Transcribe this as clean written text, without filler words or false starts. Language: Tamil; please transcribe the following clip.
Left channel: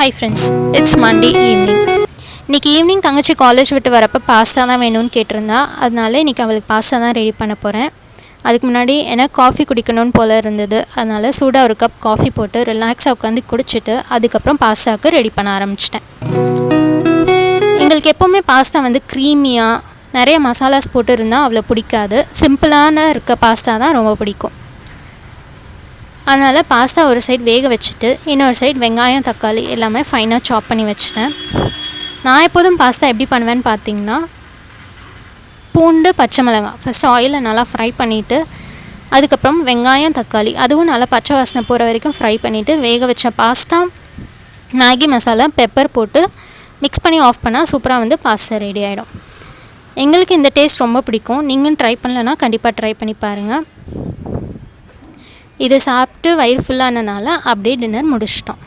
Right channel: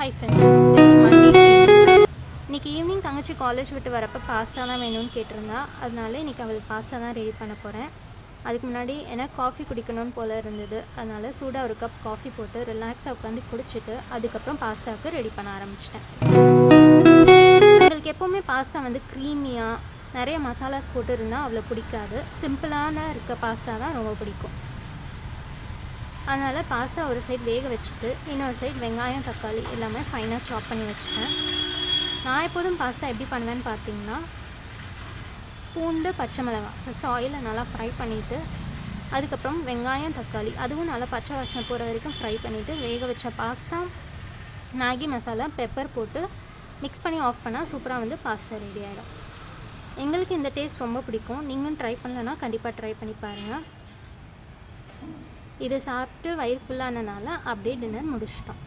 Hi friends, it's Monday evening. இன்னைக்கு ஈவினிங் தங்கச்சி காலேஜ் விட்டு வரப்போ பாஸ்தா தான் வேணும்னு கேட்டிருந்தா. அதனால இன்றைக்கி அவளுக்கு பாஸ்தா தான் ரெடி பண்ண போகிறேன். அதுக்கு முன்னாடி எனக்கு காஃபி குடிக்கணும்னு போல் இருந்தது. அதனால் சூடாக ஒரு கப் காஃபி போட்டு ரிலாக்ஸாக உட்காந்து குடிச்சிட்டு அதுக்கப்புறம் பாஸ்தாவுக்கு ரெடி பண்ண ஆரம்பிச்சிட்டேன். எங்களுக்கு எப்போவுமே பாஸ்தா க்ரீமியாக நிறைய மசாலாஸ் போட்டு இருந்தால் அவ்வளோ பிடிக்காது. சிம்பிளான இருக்க பாஸ்தா தான் ரொம்ப பிடிக்கும். அதனால் பாஸ்தா ஒரு சைடு வேக வச்சுட்டு இன்னொரு சைடு வெங்காயம் தக்காளி எல்லாமே ஃபைனாக சாப் பண்ணி வச்சிட்டேன். நான் எப்போதும் பாஸ்தா எப்படி பண்ணுவேன்னு பார்த்தீங்கன்னா, பூண்டு பச்சை மிளகாய் ஃபஸ்ட்டு ஆயிலில் நல்லா ஃப்ரை பண்ணிவிட்டு அதுக்கப்புறம் வெங்காயம் தக்காளி அதுவும் நல்லா பச்சை வாசனை போகிற வரைக்கும் ஃப்ரை பண்ணிவிட்டு வேக வச்ச பாஸ்தா மேகி மசாலா பெப்பர் போட்டு மிக்ஸ் பண்ணி ஆஃப் பண்ணால் சூப்பராக பாஸ்தா ரெடி ஆகிடும். எங்களுக்கு இந்த டேஸ்ட் ரொம்ப பிடிக்கும். நீங்களும் ட்ரை பண்ணலன்னா கண்டிப்பாக ட்ரை பண்ணி பாருங்கள். இதை சாப்பிட்டு வயிறு ஃபுல்லானனால அப்படியே டின்னர் முடிச்சிட்டோம்.